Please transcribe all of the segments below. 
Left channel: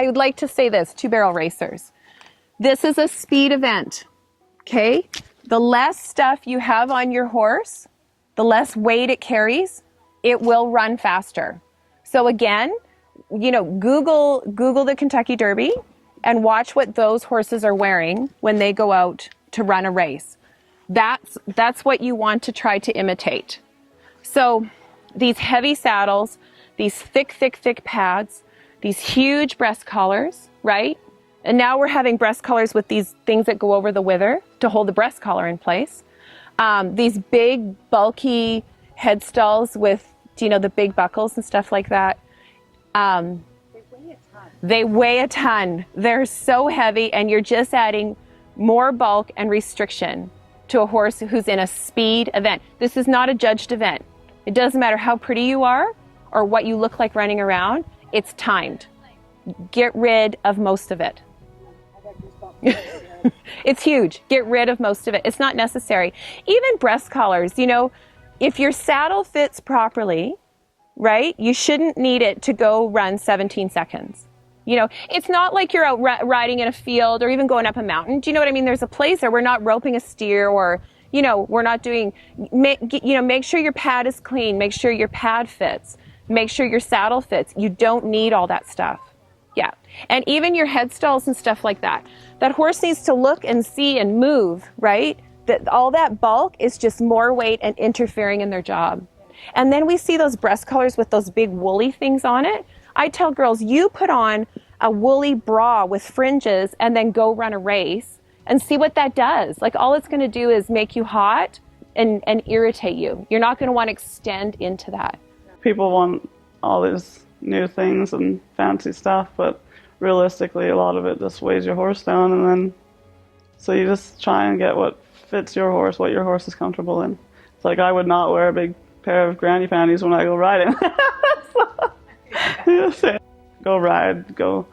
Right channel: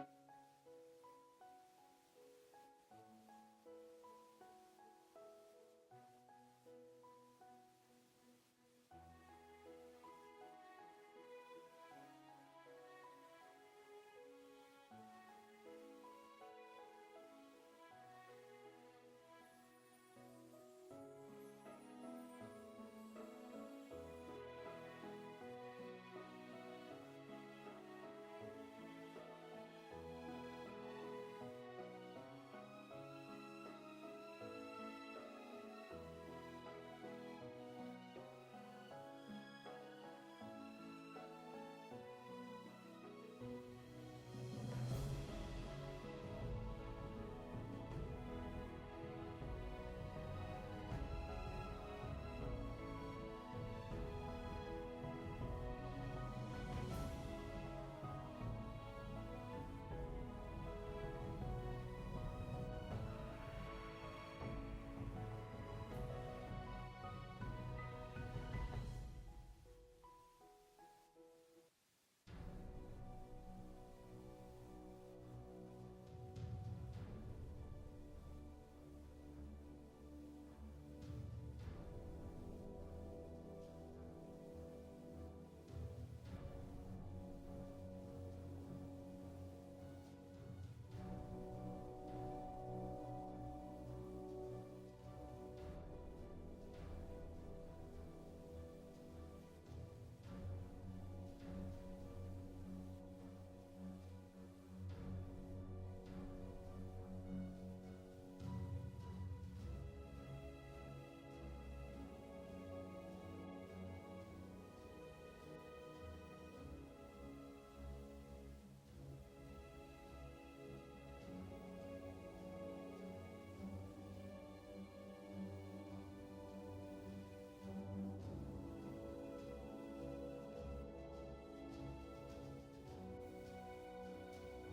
I would like to say this, two-barrel racers. This is a speed event, okay? The less stuff you have on your horse, the less weight it carries, it will run faster. So again, you know, Google the Kentucky Derby and watch what those horses are wearing when they go out to run a race. That's what you want to try to imitate. So these heavy saddles, these thick pads, these huge breast collars, right? And now we're having breast collars with these things that go over the wither to hold the breast collar in place. These big, bulky head stalls with, you know, the big buckles and stuff like that. They weigh a ton. They're so heavy, and you're just adding more bulk and restriction to a horse who's in a speed event. This is not a judged event. It doesn't matter how pretty you are or what you look like running around. It's timed. Get rid of most of it. It's huge. Get rid of most of it. It's not necessary. Even breast collars, you know, if your saddle fits properly, right, you shouldn't need it to go run 17 seconds. You know, it's not like you're out riding in a field or even going up a mountain. Do you know what I mean? There's a place there. We're not roping a steer, or, you know, we're not doing, make sure your pad is clean. Make sure your pad fits. Make sure your saddle fits. You don't need all that stuff. Yeah. And even your head stalls and stuff like that. That horse needs to look and see and move, right? That all that bulk is just more weight and interfering in their job. And then we see those breast collars with those big woolly things on it. I tell girls, you put on a woolly bra with fringes and then go run a race and see what that does. Like, all it's going to do is make you hot and irritate you. You're not going to want to extend into that. People want all these new things and fancy stuff, but realistically, a lot of it just weighs your horse down, and then so you just try and get what fits your horse, what your horse is comfortable in. It's like, I would not wear a big pair of granny panties when I go riding. Go ride, go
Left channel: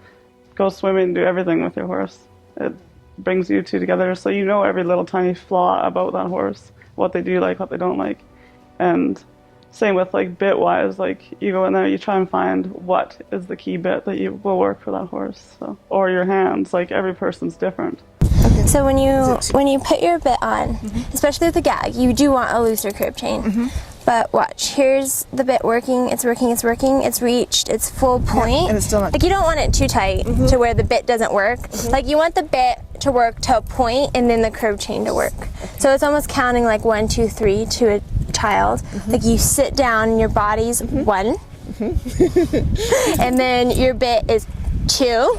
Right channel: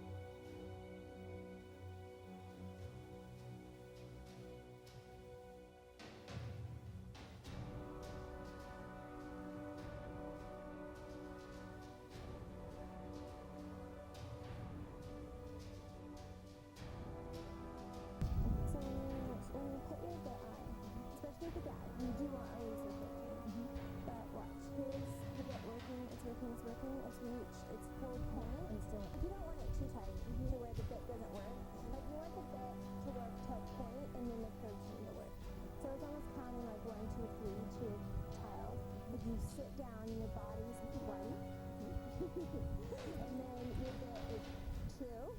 swimming, do everything with your horse. It brings you two together, so you know every little tiny flaw about that horse, what they do like, what they don't like. And same with like bit wise, like you go in there, you try and find what is the key bit that you will work for that horse. So, or your hands, like every person's different. So when you put your bit on, especially with the gag, you do want a looser curb chain. But watch, here's the bit working, it's reached its full point. And it's still not. Like, you don't want it too tight to where the bit doesn't work. Like, you want the bit to work to a point and then the curb chain to work. So it's almost counting like 1, 2, 3 to a child. Like, you sit down and your body's 1. And then your bit is 2,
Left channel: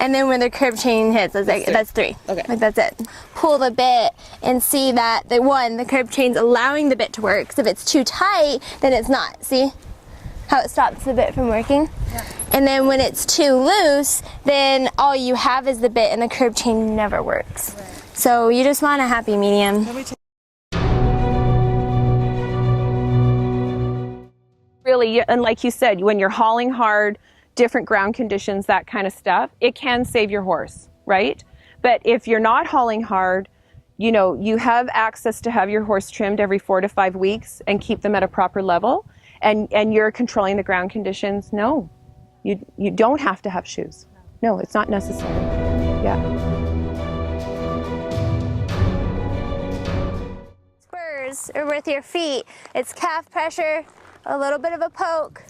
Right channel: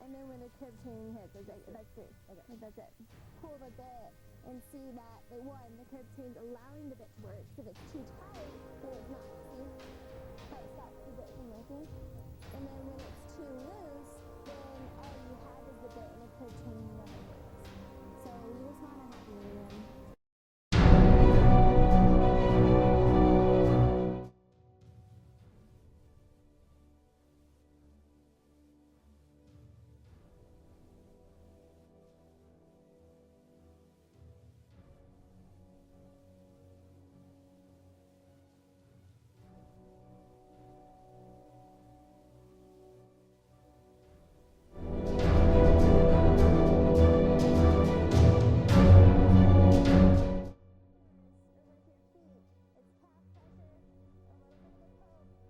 and then when the curb chain hits, that's 3. Okay. Like, that's it. Pull the bit and see that the curb chain's allowing the bit to work. So if it's too tight, then it's not. See how it stops the bit from working? Yeah. And then when it's too loose, then all you have is the bit, and the curb chain never works. Right. So you just want a happy medium. Really, and like you said, when you're hauling hard, different ground conditions, that kind of stuff, it can save your horse, right? But if you're not hauling hard, you know, you have access to have your horse trimmed every 4 to 5 weeks and keep them at a proper level, and you're controlling the ground conditions. No, you don't have to have shoes. No, it's not necessary. Yeah. Spurs are with your feet. It's calf pressure, a little bit of a poke,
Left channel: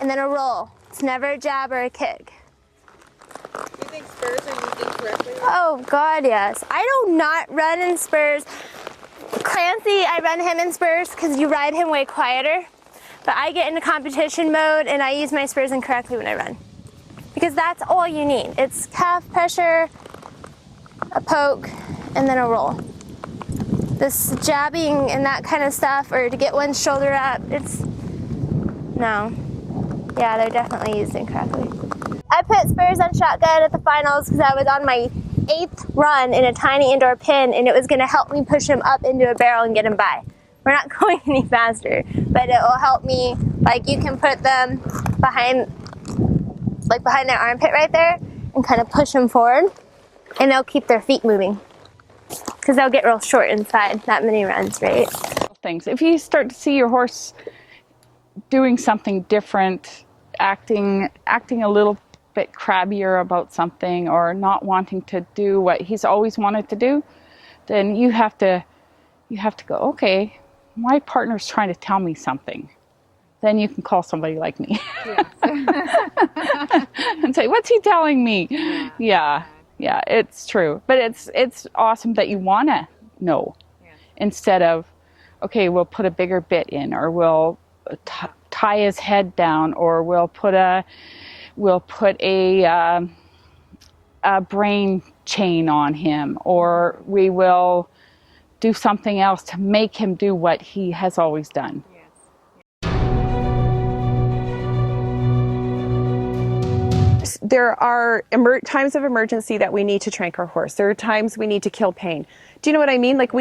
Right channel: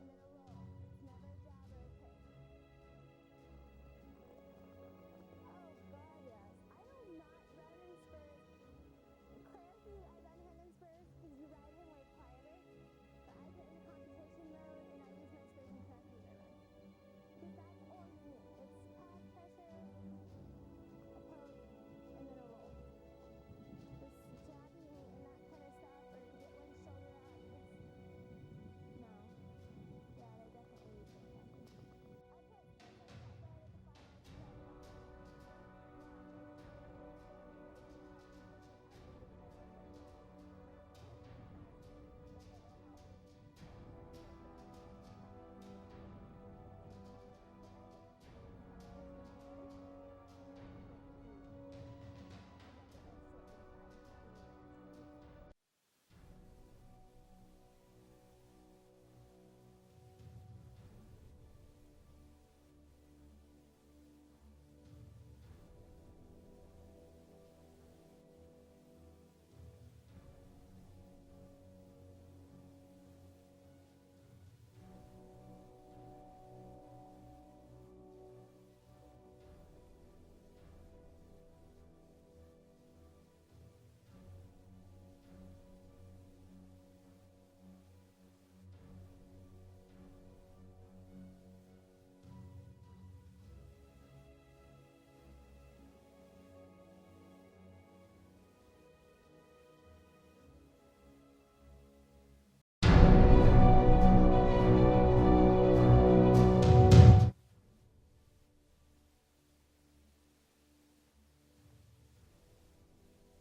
and then a roll. It's never a jab or a kick. Do you think spurs are used incorrectly? Oh God, yes. I do not run in spurs. Clancy, I run him in spurs because you ride him way quieter. But I get into competition mode and I use my spurs incorrectly when I run. Because that's all you need. It's calf pressure, a poke, and then a roll. This jabbing and that kind of stuff, or to get one shoulder up, no. Yeah, they're definitely used incorrectly. I put spurs on shotgun at the finals because I was on my 8th run in a tiny indoor pen, and it was going to help me push him up into a barrel and get him by. We're not going any faster, but it will help me. Like, you can put them behind their armpit right there and kind of push them forward, and they'll keep their feet moving because they'll get real short inside that many runs, right? Things. If you start to see your horse doing something different, acting a little bit crabbier about something or not wanting to do what he's always wanted to do, then you have to go, okay, my partner's trying to tell me something. Then you can call somebody like me. Yes. And say, what's he telling me? Yeah, it's true. But it's awesome that you want to know, instead of, okay, we'll put a bigger bit in, or we'll tie his head down, or we'll put a brain chain on him, or we will do something else to make him do what he has always done. There are times of emergency that we need to trank our horse. There are times we need to kill pain. Do you know what I mean? Like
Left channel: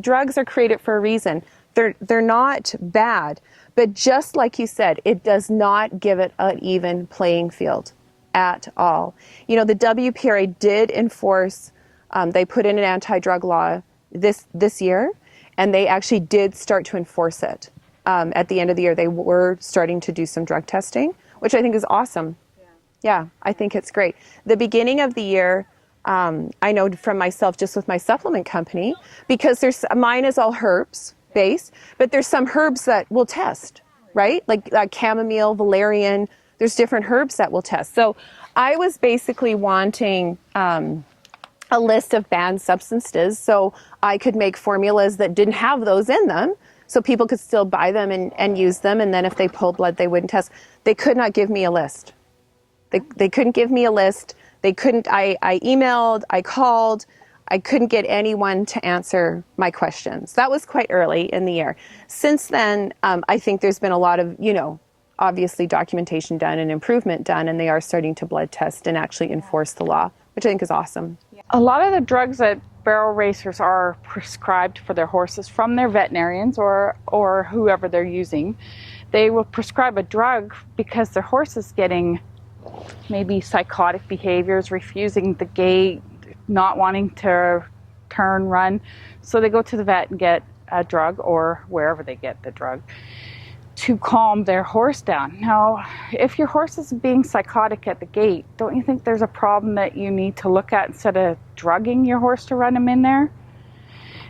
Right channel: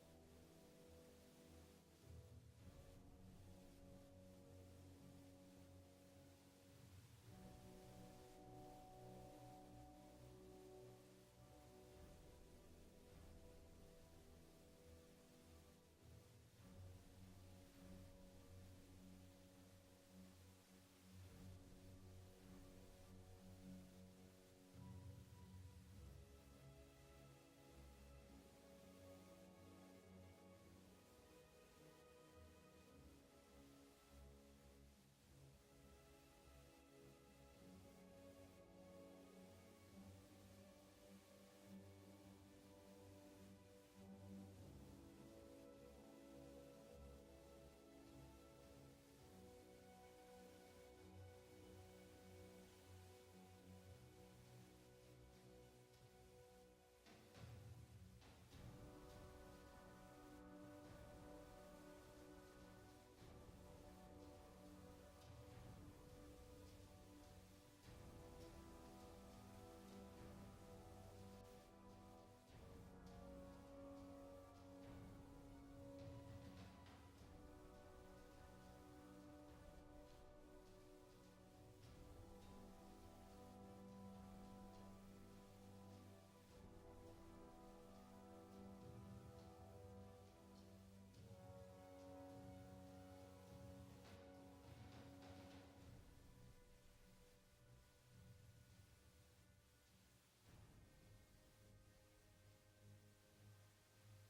drugs are created for a reason. They're not bad, but just like you said, it does not give it an even playing field at all. The WPRA did enforce, they put in an anti-drug law this year, and they actually did start to enforce it. At the end of the year, they were starting to do some drug testing, which I think is awesome. Yeah, I think it's great. The beginning of the year, I know from myself, just with my supplement company, because mine is all herbs based, but there's some herbs that we'll test, right? Like chamomile, valerian, there's different herbs that we'll test. So I was basically wanting a list of banned substances so I could make formulas that didn't have those in them, so people could still buy them and use them, and then if they pulled blood, they wouldn't test. They could not give me a list. They couldn't give me a list. They couldn't, I emailed, I called, I couldn't get anyone to answer my questions. That was quite early in the year. Since then, I think there's been a lot of, obviously documentation done and improvement done, and they are starting to blood test and actually enforce the law, which I think is awesome. A lot of the drugs that barrel racers are prescribed for their horses from their veterinarians or whoever they're using, they will prescribe a drug because their horse is getting maybe psychotic behaviors, refusing the gait, not wanting to turn, run. So they go to the vet and get a drug, or wherever they get the drug, to calm their horse down. Now, if your horse is being psychotic at the gate, don't you think there's a problem that you need to look at instead of drugging your horse to run him in there?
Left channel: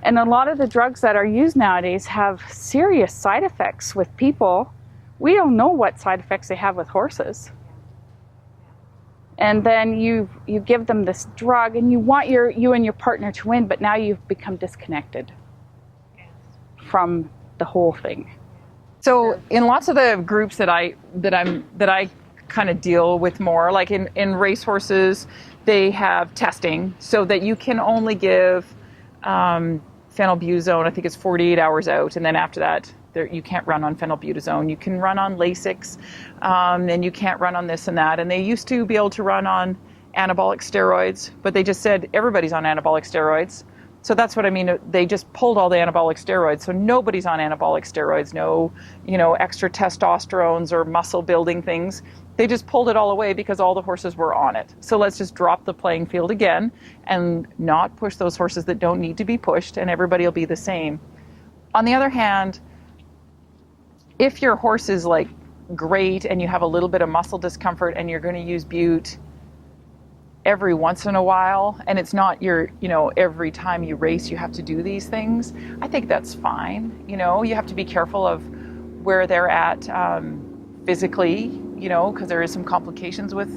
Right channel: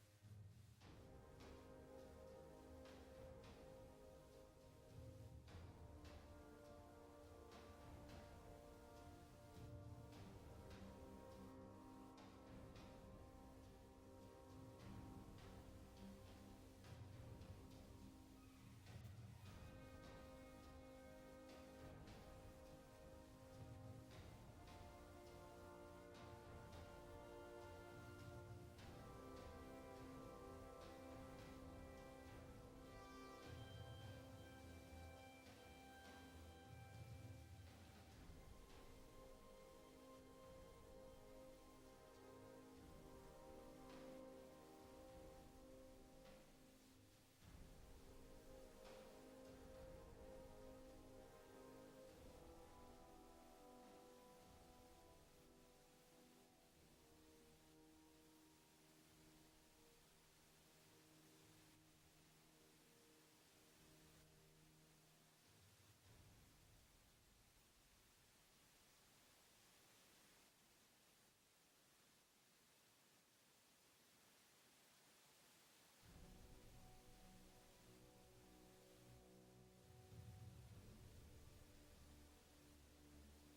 And a lot of the drugs that are used nowadays have serious side effects with people. We don't know what side effects they have with horses. And then you give them this drug, and you want you and your partner to win, but now you've become disconnected from the whole thing. So in lots of the groups that I kind of deal with more, like in racehorses, they have testing so that you can only give phenylbutazone. I think it's 48 hours out, and then after that, you can't run on phenylbutazone. You can run on Lasix, and you can't run on this and that. And they used to be able to run on anabolic steroids, but they just said everybody's on anabolic steroids. So that's what I mean. They just pulled all the anabolic steroids. So nobody's on anabolic steroids, no, extra testosterones or muscle building things. They just pulled it all away because all the horses were on it. So let's just drop the playing field again and not push those horses that don't need to be pushed, and everybody will be the same. On the other hand, if your horse is like great and you have a little bit of muscle discomfort and you're going to use bute every once in a while, and it's not every time you race you have to do these things, I think that's fine. You have to be careful of where they're at physically, because there is some complications with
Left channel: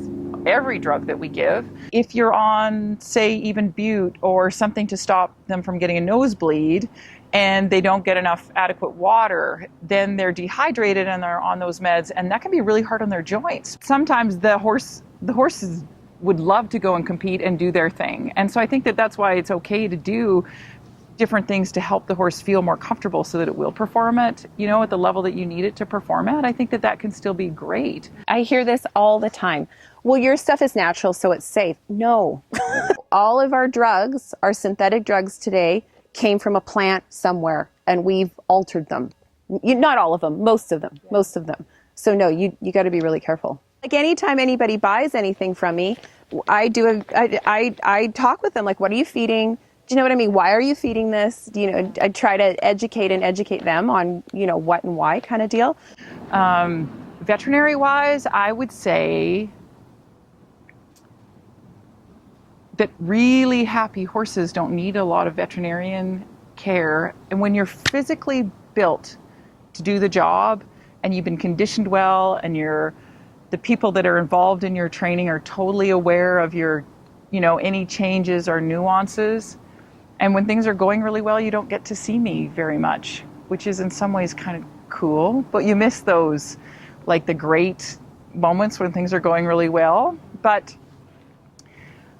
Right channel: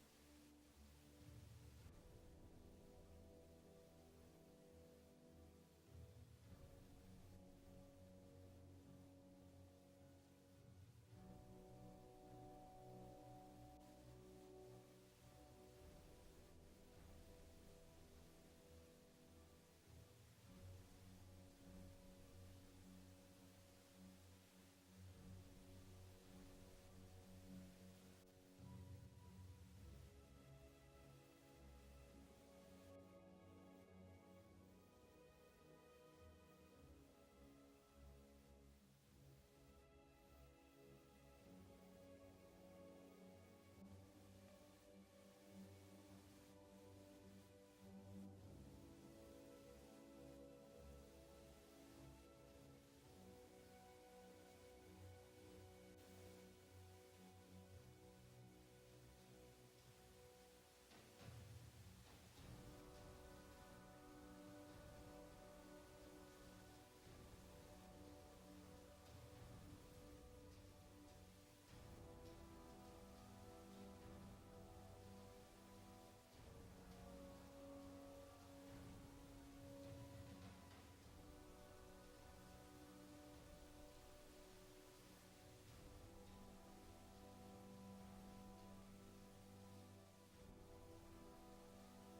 every drug that we give. If you're on, say, even bute or something to stop them from getting a nosebleed, and they don't get enough adequate water, then they're dehydrated and they're on those meds, and that can be really hard on their joints. Sometimes the horses would love to go and compete and do their thing. And so I think that's why it's okay to do different things to help the horse feel more comfortable so that it will perform it, at the level that you need it to perform at. I think that can still be great. I hear this all the time. Well, your stuff is natural, so it's safe. No. All of our drugs, our synthetic drugs today, came from a plant somewhere, and we've altered them. Not all of them, most of them. So no, you got to be really careful. Like anytime anybody buys anything from me, I talk with them, like, what are you feeding? Do you know what I mean? Why are you feeding this? I try to educate them on, what and why kind of deal. Veterinary wise, I would say that really happy horses don't need a lot of veterinarian care. And when you're physically built to do the job and you've been conditioned well and the people that are involved in your training are totally aware of your, any changes or nuances. And when things are going really well, you don't get to see me very much, which is in some ways kind of cool, but you miss those, like the great moments when things are going really well. But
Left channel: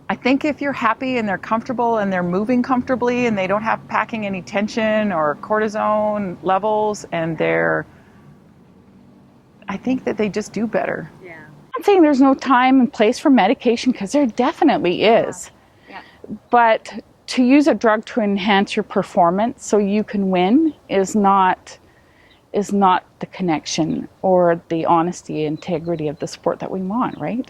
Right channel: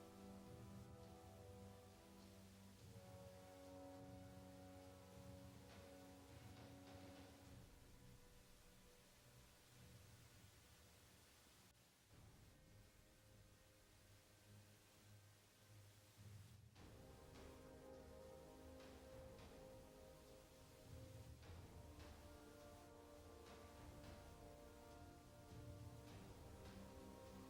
I think if you're happy and they're comfortable and they're moving comfortably and they don't have packing any tension or cortisone levels, and I think that they just do better. I'm not saying there's no time and place for medication, because there definitely is. Yeah. But to use a drug to enhance your performance so you can win is not the connection or the honesty, integrity of the sport that we want, right?